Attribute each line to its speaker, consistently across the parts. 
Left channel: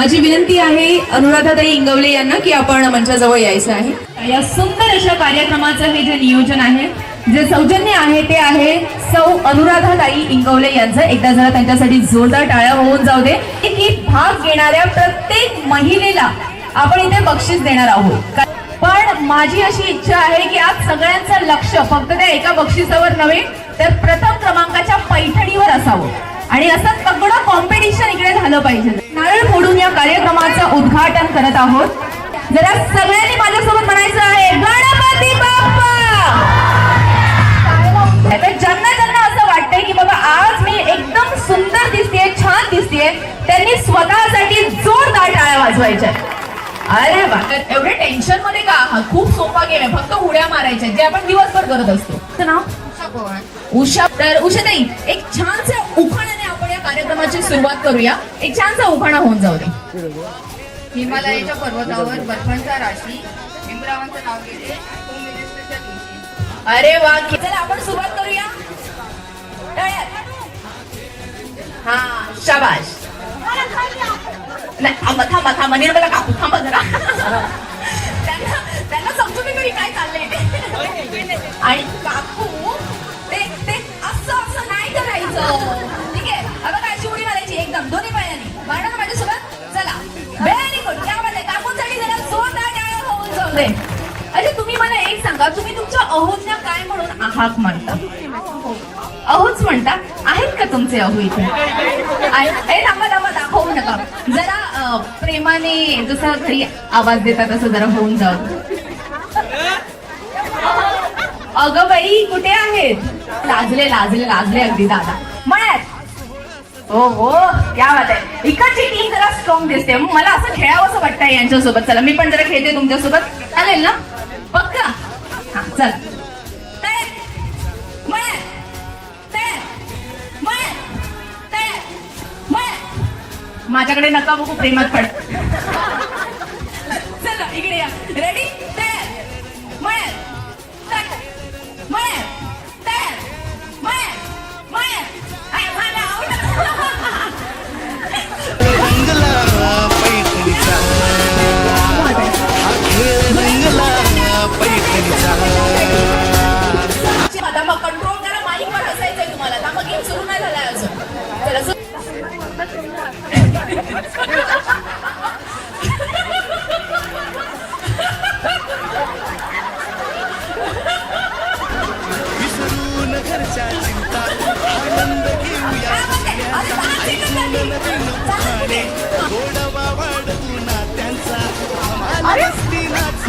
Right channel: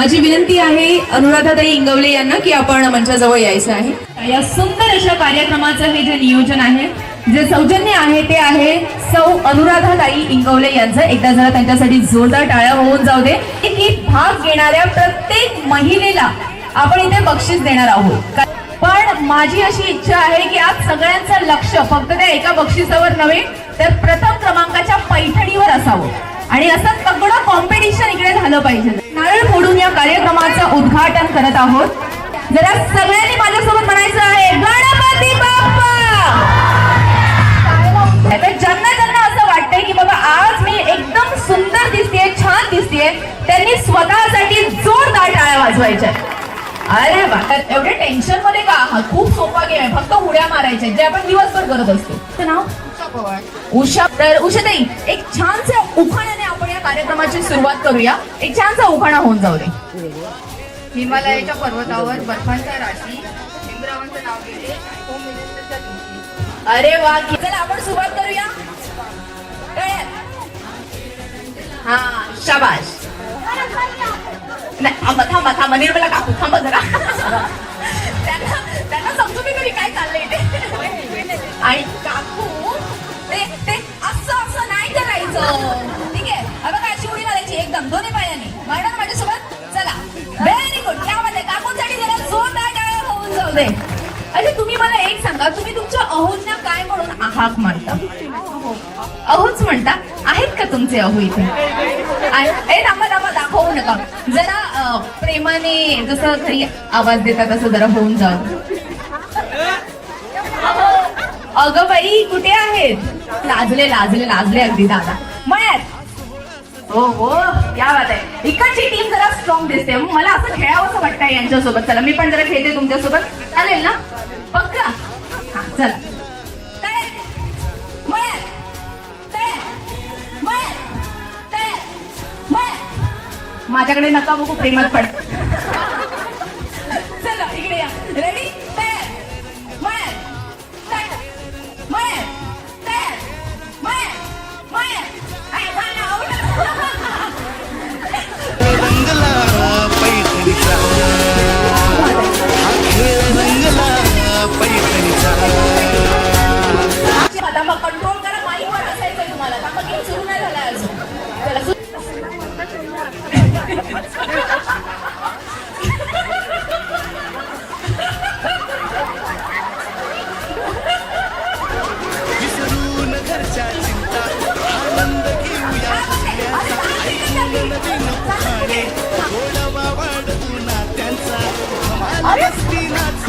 Speaker 1: माझी विनंती आहे अनुराधाताई इंगवले यांना की आपण मंचाजवळ यायचं आहे. या सुंदर अशा कार्यक्रमाचं हे जे नियोजन आहे जे सौजन्य आहे ते आहे सौ अनुराधाताई इंगवले यांचं. एकदा जरा त्यांच्यासाठी जोरदार टाळ्या होऊन जाऊ दे. की भाग घेणाऱ्या प्रत्येक महिलेला आपण इथे बक्षीस देणार आहोत. पण माझी अशी इच्छा आहे की आज सगळ्यांचं लक्ष फक्त त्या एका बक्षिसावर नव्हे तर प्रथम क्रमांकाच्या पैठणीवर असावं. आणि असं सगळं कॉम्पिटिशन इकडे झालं पाहिजे. नारळ फोडून या कार्यक्रमाचं उद्घाटन करत आहोत. जरा सगळ्यांनी माझ्यासोबत म्हणायचं आहे गणपती बाप्पा! तर ज्यांना ज्यांना असं वाटतंय की बाबा आज मी एकदम सुंदर दिसतेय छान दिसतेय त्यांनी स्वतःसाठी जोरदार टाळ्या वाजवायच्या. अरे वा. एवढे टेन्शनमध्ये का? आहात? खूप सोपा गेम आहे. फक्त उड्या मारायच्या जे आपण दिवसभर करत असतो. नाव? उषा तर उषाताई एक छानशा उखाण्याने आपण या कार्यक्रमाची सुरुवात करूया. एक छानसा उखाणा होऊन जाऊ दे.
Speaker 2: हिमालयाच्या पर्वतावर बर्फांच्या राशी इंद्रावांचं नाव घेते
Speaker 1: अरे वा चला आपण सुरुवात करूया. हा शाबाश नाही थांबा थांबा थांबा मला काकू थांबा जरा. त्यांना त्यांना समजू दे तरी काय चाललंय. आणि काकू. ते असं असं नाही करायचं. टाळ्या दे अच्छा तुम्ही मला एक सांगा तुम्ही तुमच्या अहोजना काय म्हणून आहाक मारता अहोच म्हणता? आहेत का तुमचे अहो इथे? आणि हे दाखवू नका. जरा प्रेमाने जसं घरी आवाज देतात तसं जरा होऊन जाऊ. अगं बाई कुठे आहेत? लाजले लाजले लाजले अगदी दादा. हो हो क्या बात आहे इकडची टीम जरा स्ट्रॉंग दिसते मग मला असं खेळावं असं वाटतंय यांच्यासोबत चला मी पण जरा खेळते तुमच्यासोबत चालेल ना पक्का हा चल तयार? तयार? तयार? माझ्याकडे नका बघू प्रेमात पड
Speaker 3: विसरून घरच्या चिंता आनंद घेऊया हसण्याचा ऐकून नवीन उखाणे गोडवा वाढवू नात्यांचा धमाल मस्ती नाच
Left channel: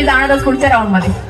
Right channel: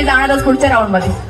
Speaker 1: मी जाणारच पुढच्या राऊंडमध्ये.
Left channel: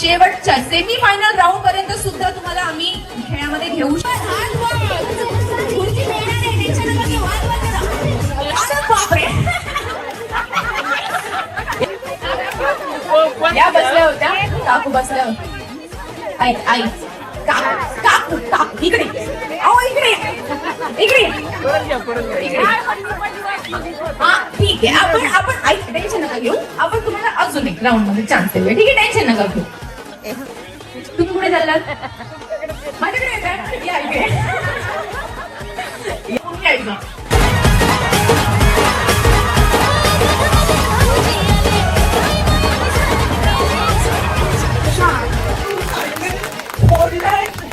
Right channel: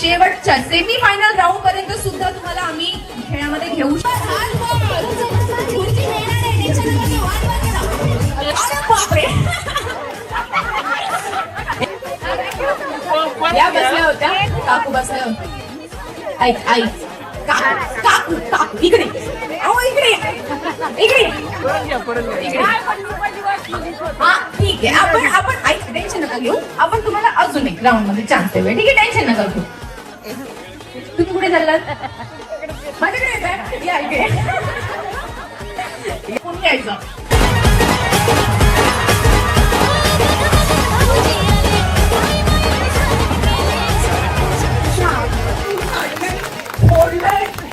Speaker 1: शेवटच्या सेमी फायनल राऊंड पर्यंत सुद्धा तुम्हाला आम्ही खेळामध्ये घेऊ या बसल्या होत्या. काकू बसल्या होत्या. आई आई का- काकू काकू. इकडे. अहो इकडे. इकडे. हा ठीक आहे. आपण आपण आई टेन्शन नका घेऊ. आपण तुम्हाला अजून एक राऊंडमध्ये चान्स देऊया. ठीक आहे? टेन्शन नका घेऊ. कुठे चाललात माझ्याकडे?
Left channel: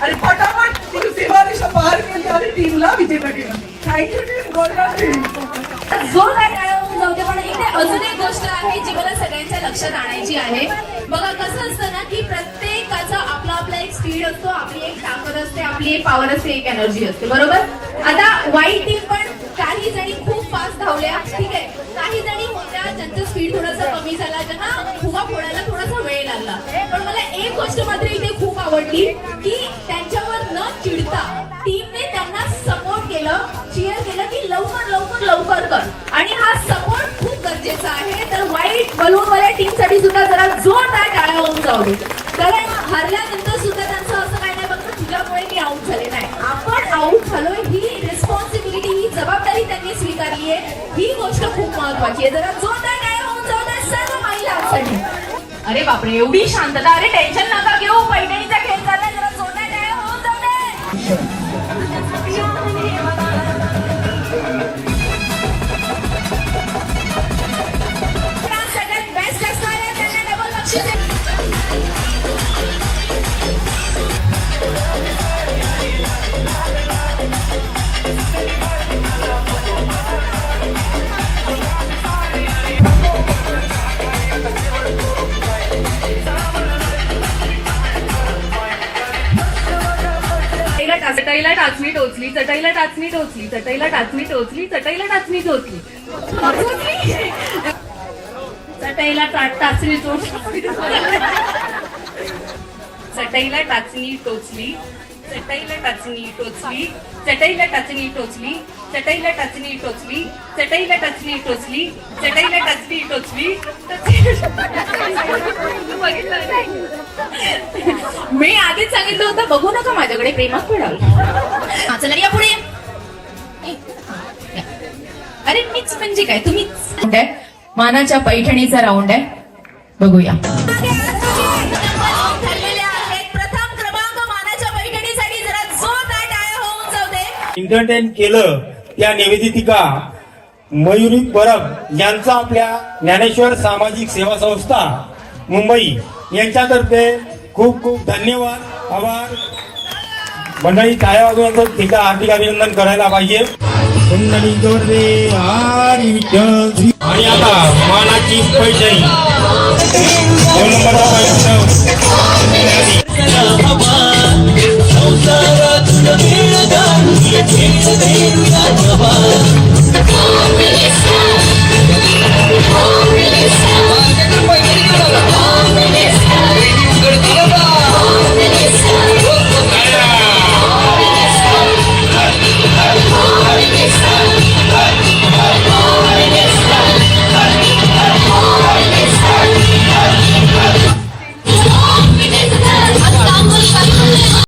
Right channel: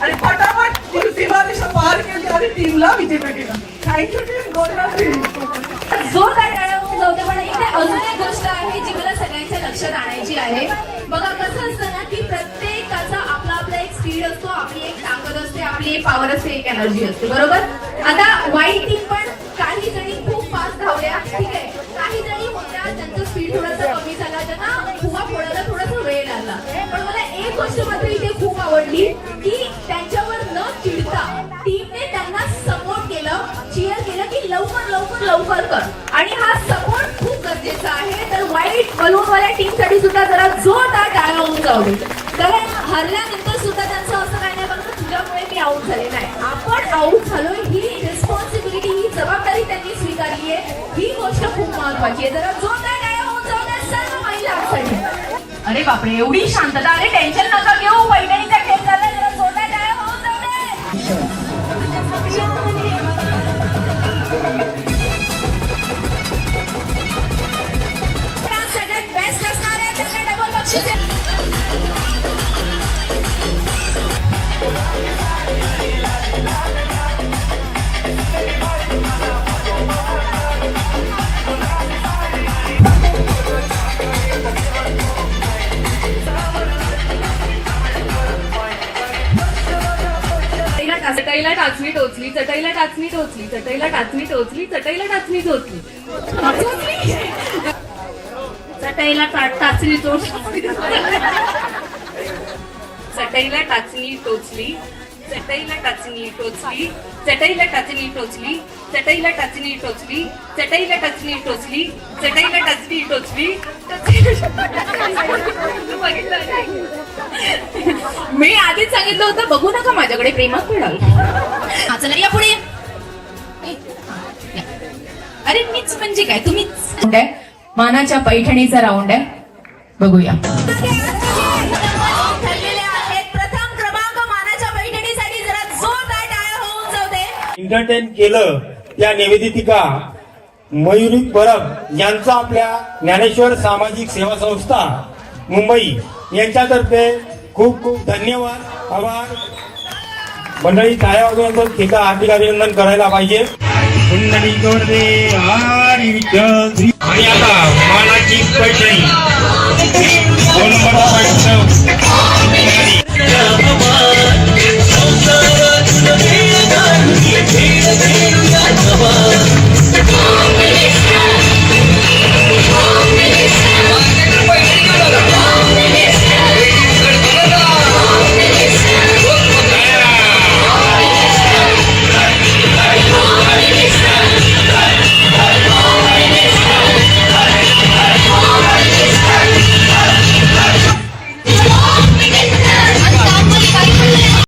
Speaker 4: आणि आणि टीमला थँक्यू टीम.
Speaker 1: पण इथे अजून एक गोष्ट आहे जी मला सगळ्यांच्या लक्षात आणायची आहे. बघा कसं असतं ना की प्रत्येकाचा स्पीड असतो आपली एक ताकद असते आपली एक पॉवर असते एक एनर्जी असते बरोबर? आता वाईट टीम पण काही जणी खूप फास्ट धावल्या ठीक आहे? काही जणी होत्या त्यांचा स्पीड थोडासा कमी झाला त्यांना फुगा फोडायला थोडासा वेळ लागला. पण मला एक गोष्ट मात्र इथे खूप आवडली की त्यांच्यावर न चिडता टीमने त्यांना सपोर्ट केलं चिअर केलं की लवकर लवकर लवकर कर. आणि हा सपोर्ट खूप गरजेचा आहे. तर वाईट बलूनवाल्या टीमसाठी सुद्धा जरा जोरदार टाळा होऊन जाऊ कारण हरल्यानंतर आऊट झालोय ही रिस्पॉन्सिबिलिटी ही जबाबदारी त्यांनी स्वीकारली आहे. ही गोष्ट खूप महत्वाची आहे. जरा जोरदार टाळ्या होऊन जाऊ दे सर्व महिलांसाठी अरे बापरे एवढी शांतता. अरे टेन्शन नका घेऊ. पैठणीचा खेळ चाललाय जरा जोरदार टाळ्या होऊन जाऊ दे
Speaker 2: चटईला टाचणी टोचली चटईला टाचणी टोचली चटईला टाचणी टोचली चटईला टाचणी टोचली. चटईला टाचणी टोचली. चटईला टाचणी टोचली. चटईला टाचणी टोचली चटईला टाचणी टोचली चटईला टाचणी टोचली चटईला टाचणी टोचली चटईला टाचणी टोचली.
Speaker 1: मी आधीच सांगितलं होतं बघू नका माझ्याकडे प्रेमात पडाल चला या पुढे. अरे मीच म्हणजे काय? तुम्हीच. मानाच्या पैठणीचा राऊंड आहे. बघूया.
Speaker 5: एंटरटेन केलं त्या निवेदितिका मयुरी परब यांचा आपल्या ज्ञानेश्वर सामाजिक सेवा संस्था मुंबई यांच्यातर्फे खूप खूप धन्यवाद. आभार. मंडळी टाळ्या वाजवून तिचा हार्दिक अभिनंदन करायला पाहिजे. आणि आता मानाची पैठणी.